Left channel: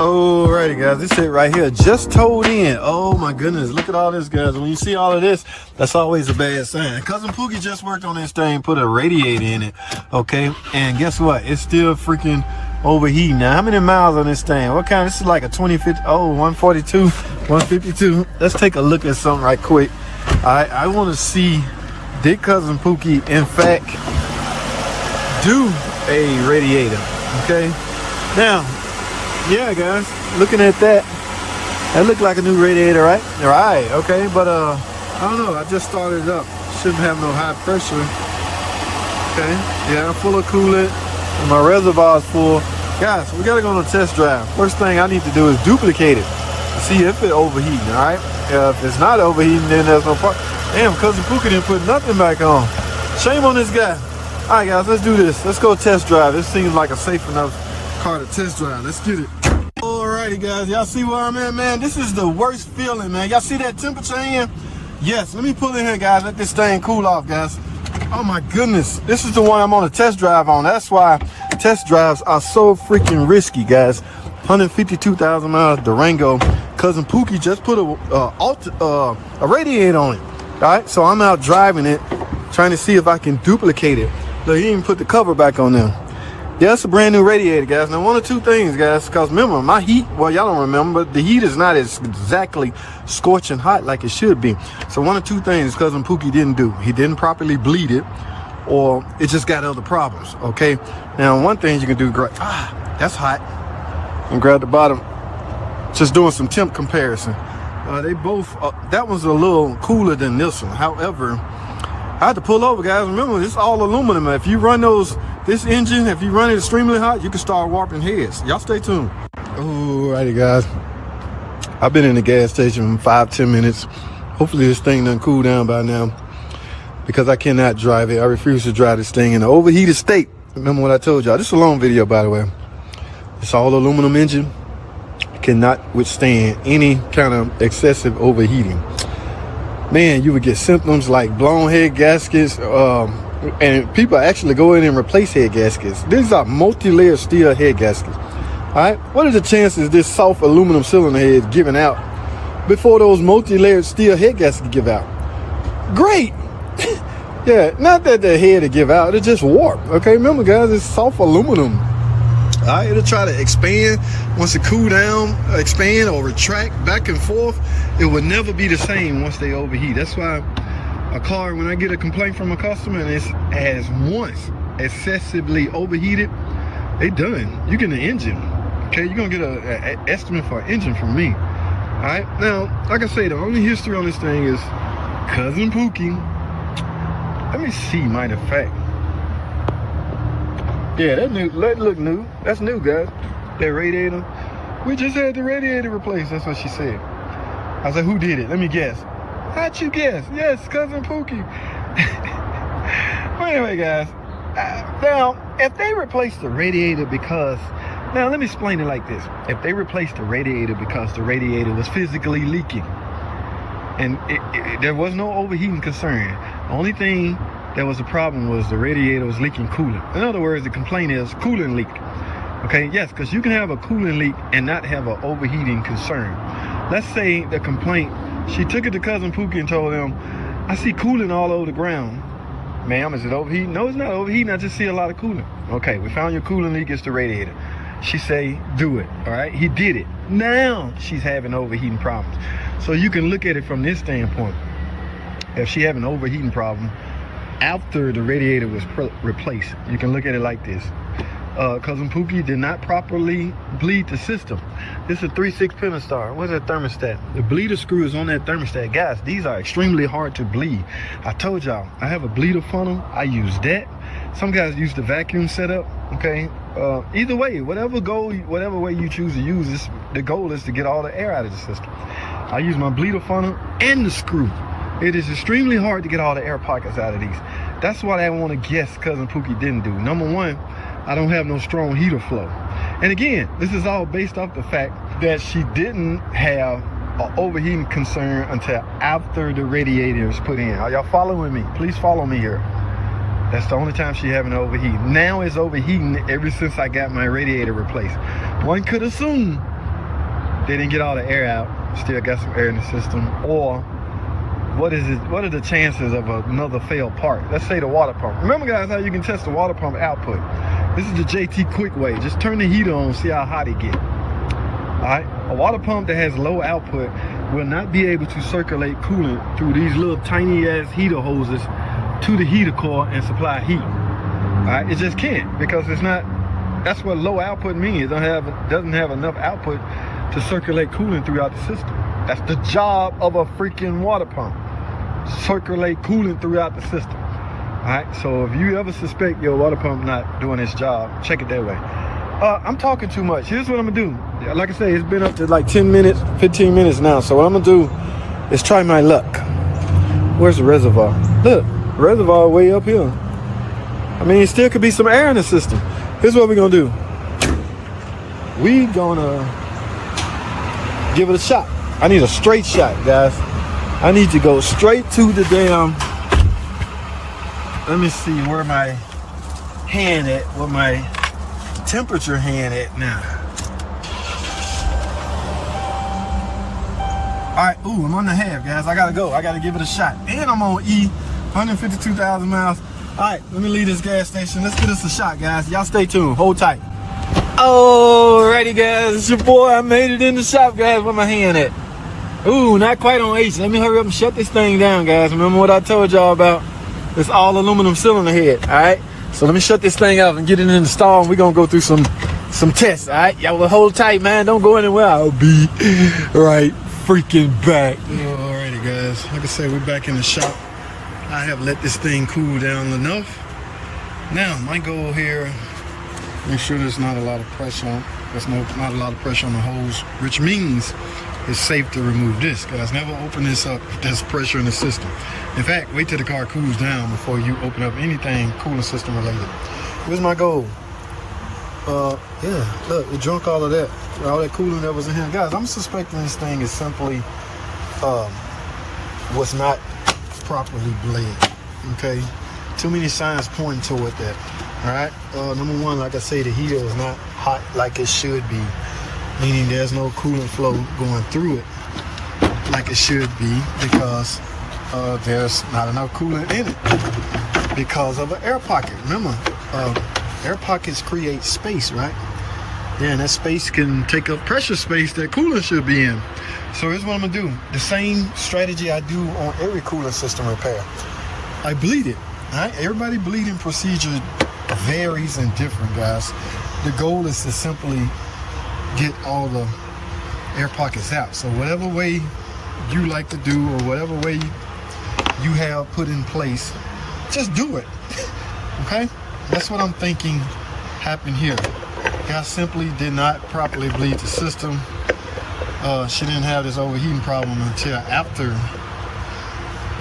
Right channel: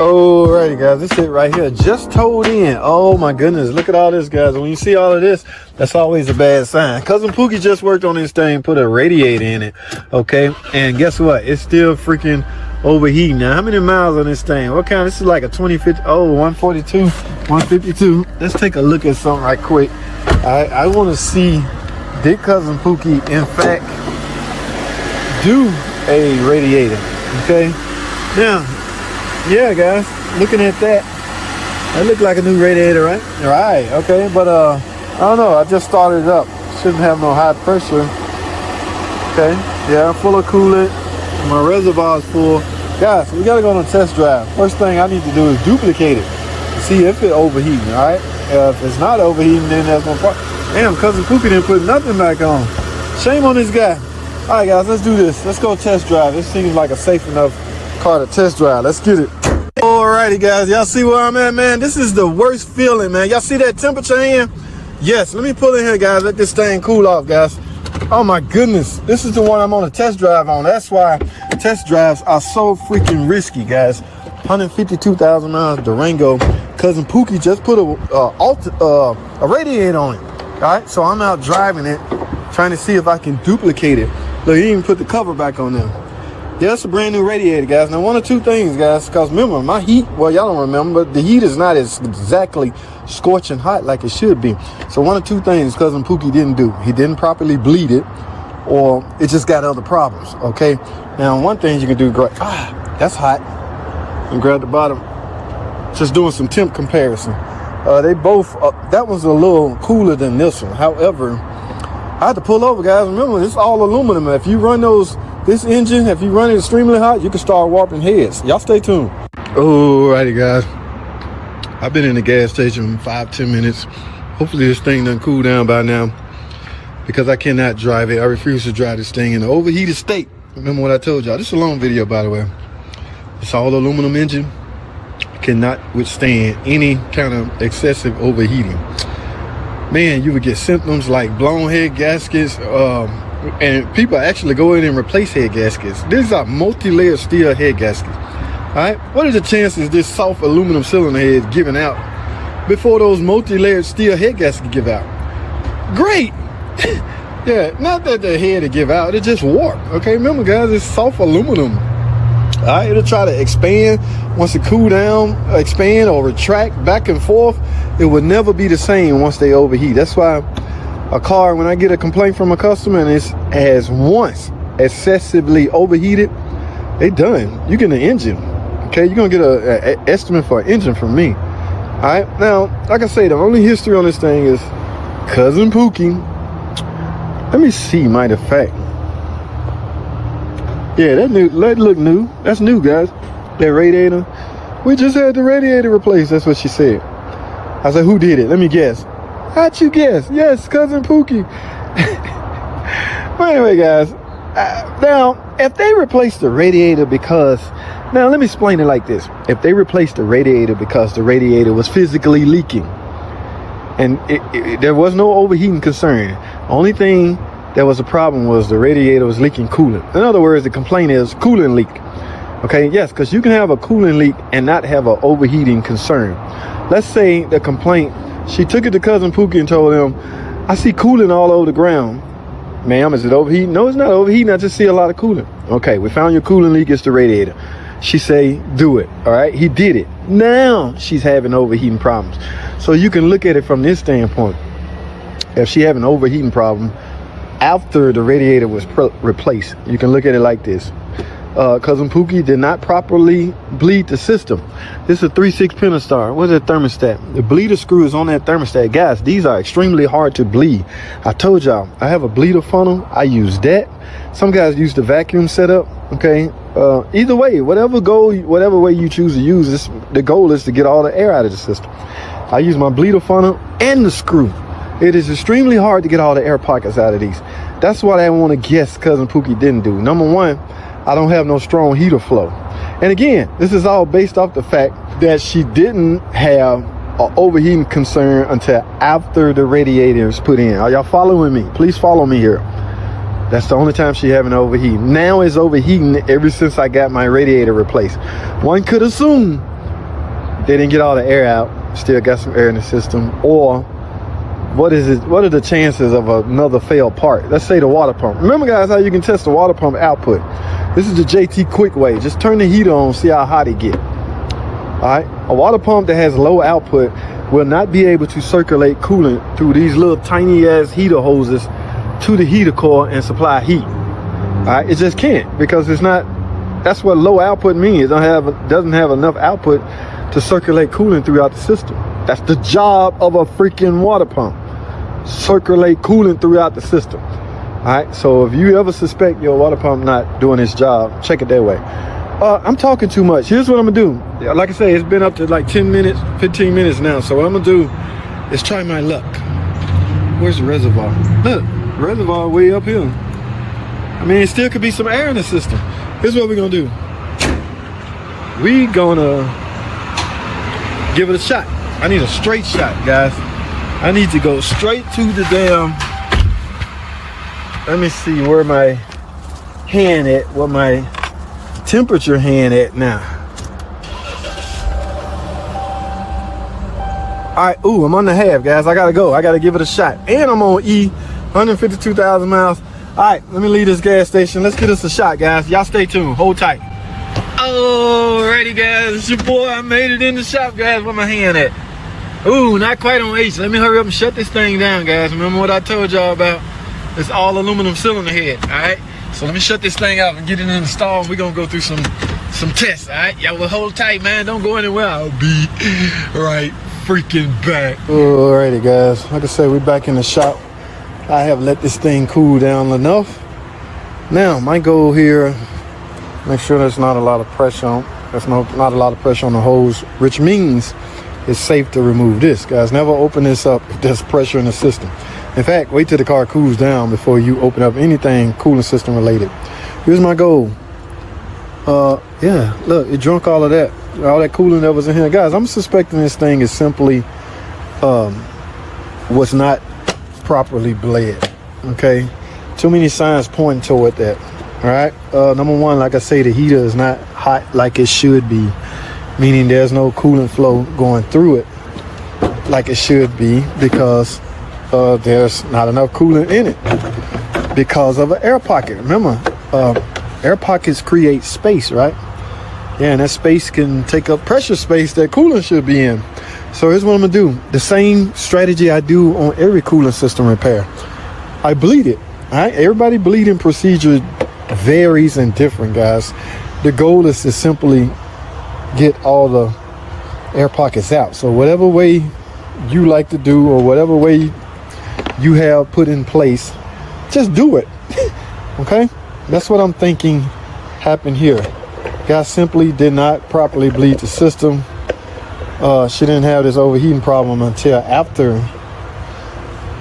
Alrighty guys, this shit right here just towed in. Oh my goodness, look at all this guys. When you see all of this, that's always a bad sign. Cousin Pookie just worked on this thing, put a radiator in it, okay? And guess what? It's still freaking overheating. Now, how many miles on this thing? What kind? This is like a 2050, 142, 152. Let's take a look at something right quick. I want to see, did Cousin Pookie in fact do a radiator, okay? Now, yeah guys, looking at that looked like a new radiator, right? Right, okay, but I don't know, I just started it up. Shouldn't have no high pressure. Okay, yeah, I'm full of coolant, my reservoir's full. Guys, we gotta go on a test drive. First thing I need to do is duplicate it to see if it's overheating. All right, if it's not overheating, then there's no problem. Damn, Cousin Pookie didn't put nothing back on. Shame on this guy. All right guys, let's do this. Let's go test drive. This seems like a safe enough car to test drive. Let's get it. Alrighty guys, y'all see where I'm at, man? This is the worst feeling, man. Y'all see that temperature in? Yes, let me pull in here guys, let this thing cool off guys. Oh my goodness, this is the one I'm on a test drive on. That's why test drives are so freaking risky guys. 152,000 miles Durango. Cousin Pookie just put a radiator on it, right? So I'm out driving it, trying to see if I can duplicate it. Look, he even put the cover back on there. Yeah, it's a brand new radiator, guys. Now, one of two things, guys, because remember, my heat, well, y'all don't remember, but the heat is not as exactly scorching hot like it should be. So one of two things Cousin Pookie didn't do. He didn't properly bleed it, or it just got other problems, okay? Now, one thing you can do, that's hot, and grab the bottom. Just doing some temp comparison. They both, that one's a little cooler than this one. However, I had to pull over, guys. Remember, it's all aluminum. If you run this engine, if you run it extremely hot, you can start warping heads. Y'all stay tuned. Alrighty guys, I've been in the gas station 5-10 minutes. Hopefully this thing done cool down by now, because I cannot drive it. I refuse to drive this thing in an overheated state. Remember what I told y'all. This is a long video, by the way. It's all aluminum engine. Cannot withstand any kind of excessive overheating. Man, you would get symptoms like blown head gaskets, and people actually go in and replace head gaskets. These are multi-layered steel head gaskets. All right, what are the chances this soft aluminum cylinder head is giving out before those multi-layered steel head gaskets give out? Great. Yeah, not that the head to give out, it just warp. Okay, remember guys, it's soft aluminum. All right, it'll try to expand. Once it cool down, expand or retract back and forth, it will never be the same once they overheat. That's why a car, when I get a complaint from a customer and it has once excessively overheated, they done. You get an engine, okay? You're gonna get an estimate for an engine from me. All right, now, like I say, the only history on this thing is Cousin Pookie. Let me see, matter of fact. Yeah, that look new. That's new, guys. That radiator. We just had the radiator replaced. That's what she said. I said, who did it? Let me guess. How'd you guess? Yes, Cousin Pookie. Well, anyway, guys. Now, if they replaced the radiator because... Now, let me explain it like this. If they replaced the radiator because the radiator was physically leaking, and there was no overheating concern, only thing that was a problem was the radiator was leaking coolant. In other words, the complaint is coolant leak. Okay, yes, because you can have a coolant leak and not have an overheating concern. Let's say the complaint, she took it to Cousin Pookie and told him, I see coolant all over the ground. Ma'am, is it overheating? No, it's not overheating. I just see a lot of coolant. Okay, we found your coolant leak. It's the radiator. She say, do it. All right, he did it. Now she's having overheating problems. So you can look at it from this standpoint. If she having an overheating problem after the radiator was replaced, you can look at it like this. Cousin Pookie did not properly bleed the system. This is a 3/6 Pentastar. What's that thermostat? The bleeder screw is on that thermostat. Guys, these are extremely hard to bleed. I told y'all, I have a bleeder funnel. I use that. Some guys use the vacuum setup. Okay, either way, whatever way you choose to use this, the goal is to get all the air out of the system. I use my bleeder funnel and the screw. It is extremely hard to get all the air pockets out of these. That's what I want to guess Cousin Pookie didn't do. Number one, I don't have no strong heater flow. And again, this is all based off the fact that she didn't have an overheating concern until after the radiator is put in. Are y'all following me? Please follow me here. That's the only time she having overheat. Now it's overheating ever since I got my radiator replaced. One could assume they didn't get all the air out, still got some air in the system, or what is it? What are the chances of another failed part? Let's say the water pump. Remember, guys, how you can test the water pump output. This is the JT quick way. Just turn the heater on, see how hot it get. All right, a water pump that has low output will not be able to circulate coolant through these little tiny ass heater hoses to the heater core and supply heat. All right, it just can't, because it's not. That's what low output means. It doesn't have enough output to circulate coolant throughout the system. That's the job of a freaking water pump. Circulate coolant throughout the system. All right, so if you ever suspect your water pump not doing its job, check it that way. I'm talking too much. Here's what I'm gonna do. Like I say, it's been up to like 10 minutes, 15 minutes now. So what I'm gonna do is try my luck. Where's the reservoir? Look, reservoir way up here. I mean, it still could be some air in the system. Here's what we're gonna do. We gonna give it a shot. I need a straight shot, guys. I need to go straight to the damn. Let me see where my hand at, where my temperature hand at now. All right, ooh, I'm on the half, guys. I gotta go. I gotta give it a shot. And I'm on E, 152,000 miles. All right, let me leave this gas station. Let's get us a shot, guys. Y'all stay tuned. Hold tight. Alrighty, guys. It's your boy. I made it in the shop, guys. Where my hand at? Ooh, not quite on H. Let me hurry up and shut this thing down, guys. Remember what I told y'all about? It's all aluminum cylinder head, all right? So let me shut this thing up and get it installed, and we're gonna go through some tests, all right? Y'all will hold tight, man. Don't go anywhere. I'll be right freaking back. Alrighty, guys. Like I say, we're back in the shop. I have let this thing cool down enough. Now, my goal here, make sure there's not a lot of pressure on. There's not a lot of pressure on the hose, which means it's safe to remove this, guys. Never open this up if there's pressure in the system. In fact, wait till the car cools down before you open up anything cooling system related. Here's my goal. Yeah, look, it drunk all of that coolant that was in here. Guys, I'm suspecting this thing is simply was not properly bled. Okay, too many signs pointing toward that. All right, number one, like I say, the heater is not hot like it should be, meaning there's no coolant flow going through it like it should be, because there's not enough coolant in it because of an air pocket. Remember, air pockets create space, right? Yeah, and that space can take up pressure space that coolant should be in. So here's what I'm gonna do. The same strategy I do on every coolant system repair. I bleed it. All right, everybody bleeding procedure varies and different, guys. The goal is to simply get all the air pockets out. So whatever way you like to do, or whatever way you have put in place, just do it. Okay, that's what I'm thinking happened here. Guy simply did not properly bleed the system. She didn't have this overheating problem until after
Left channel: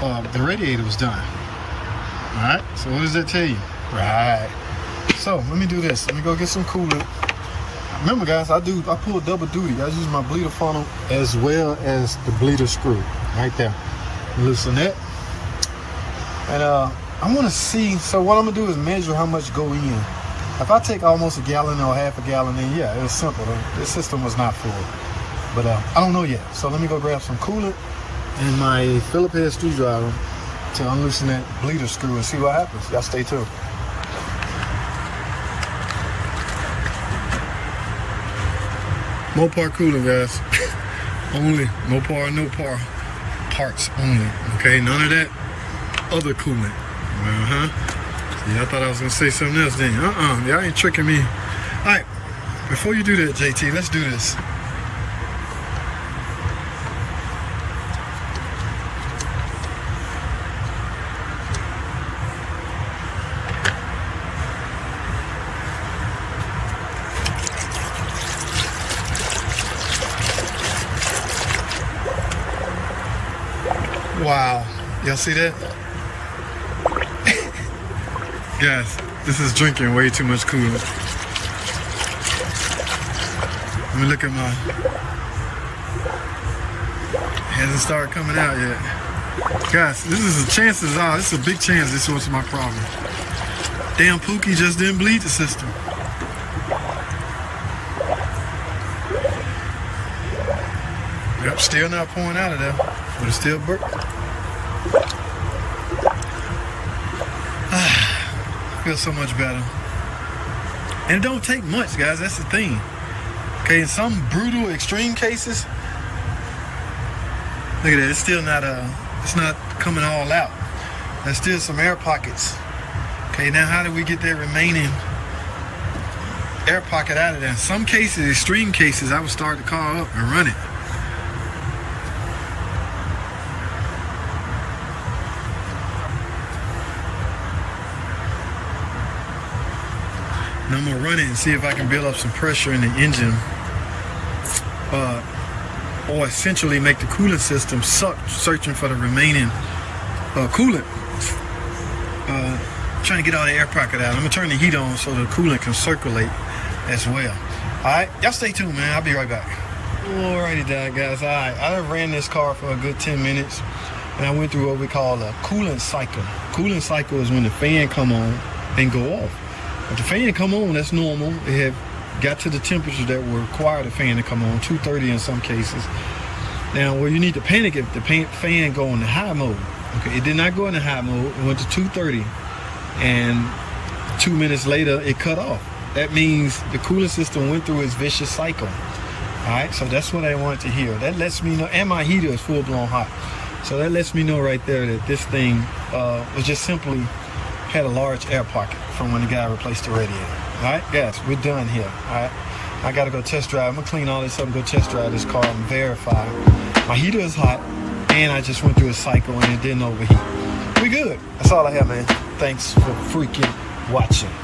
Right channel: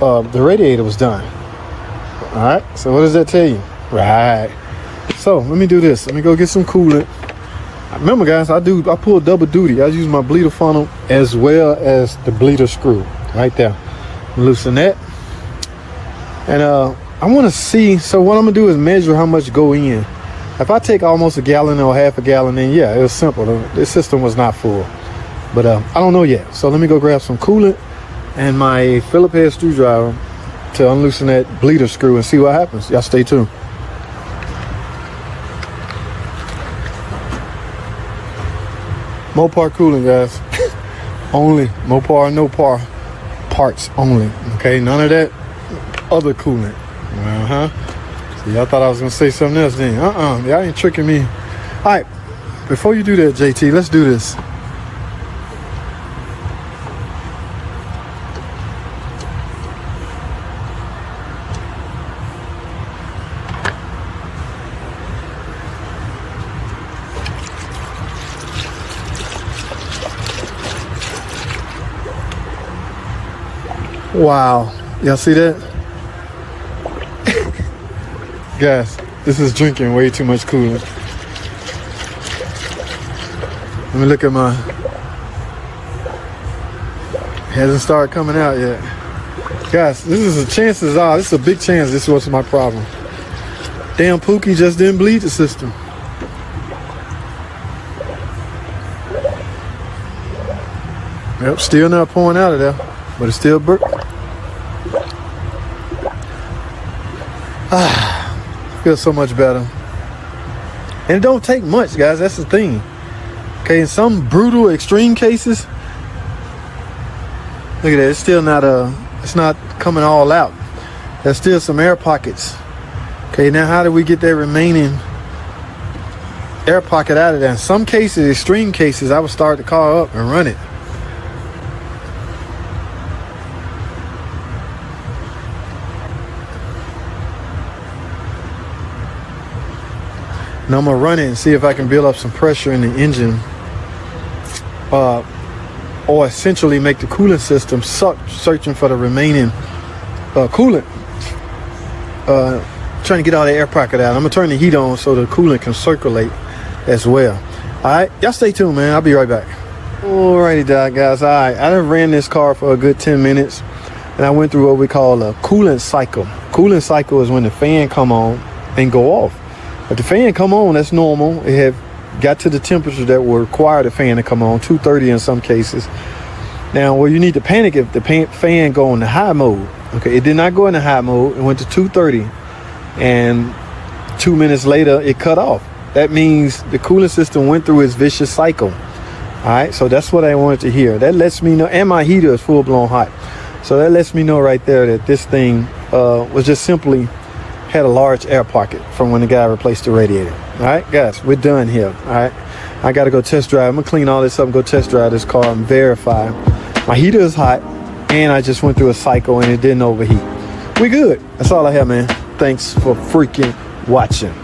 the radiator was done. All right, so what does that tell you? Right, so let me do this. Let me go get some coolant. Remember, guys, I pull double duty. I use my bleeder funnel as well as the bleeder screw right there. Loosen that. And I want to see, so what I'm gonna do is measure how much go in. If I take almost a gallon or half a gallon in, yeah, it was simple. This system was not full, but I don't know yet. So let me go grab some coolant and my Phillips head screwdriver to unloosen that bleeder screw and see what happens. Y'all stay tuned. Mopar coolant, guys. Only Mopar, no par parts only. Okay, none of that other coolant. See, I thought I was gonna say something else then. Y'all ain't tricking me. All right, before you do that, JT, let's do this. Wow, y'all see that? Guys, this is drinking way too much coolant. Let me look at my, hasn't started coming out yet. Guys, this is chances are, this is a big chance this was my problem. Damn Pookie just didn't bleed the system. Yep, still not pouring out of there, but it's still feels so much better. And it don't take much, guys. That's the thing. Okay, in some brutal extreme cases, look at that, it's still not it's not coming all out. There's still some air pockets. Okay, now how do we get that remaining air pocket out of there? In some cases, extreme cases, I would start the car up and run it. Now I'm gonna run it and see if I can build up some pressure in the engine, or essentially make the coolant system suck, searching for the remaining coolant, trying to get all the air pocket out. I'm gonna turn the heat on so the coolant can circulate as well. All right, y'all stay tuned, man. I'll be right back. Alrighty, guys. All right, I done ran this car for a good 10 minutes, and I went through what we call a coolant cycle. Coolant cycle is when the fan come on and go off. If the fan come on, that's normal. It have got to the temperature that will require the fan to come on, 230 in some cases. Now, well, you need to panic if the fan go into high mode. Okay, it did not go into high mode. It went to 230, and 2 minutes later, it cut off. That means the cooling system went through its vicious cycle. All right, so that's what I wanted to hear. That lets me know, and my heater is full-blown hot. So that lets me know right there that this thing was just simply had a large air pocket from when the guy replaced the radiator. All right, guys, we're done here. All right, I got to go test drive. I'm gonna clean all this up and go test drive this car and verify my heater is hot, and I just went through a cycle and it didn't overheat. We're good. That's all I have, man. Thanks for freaking watching.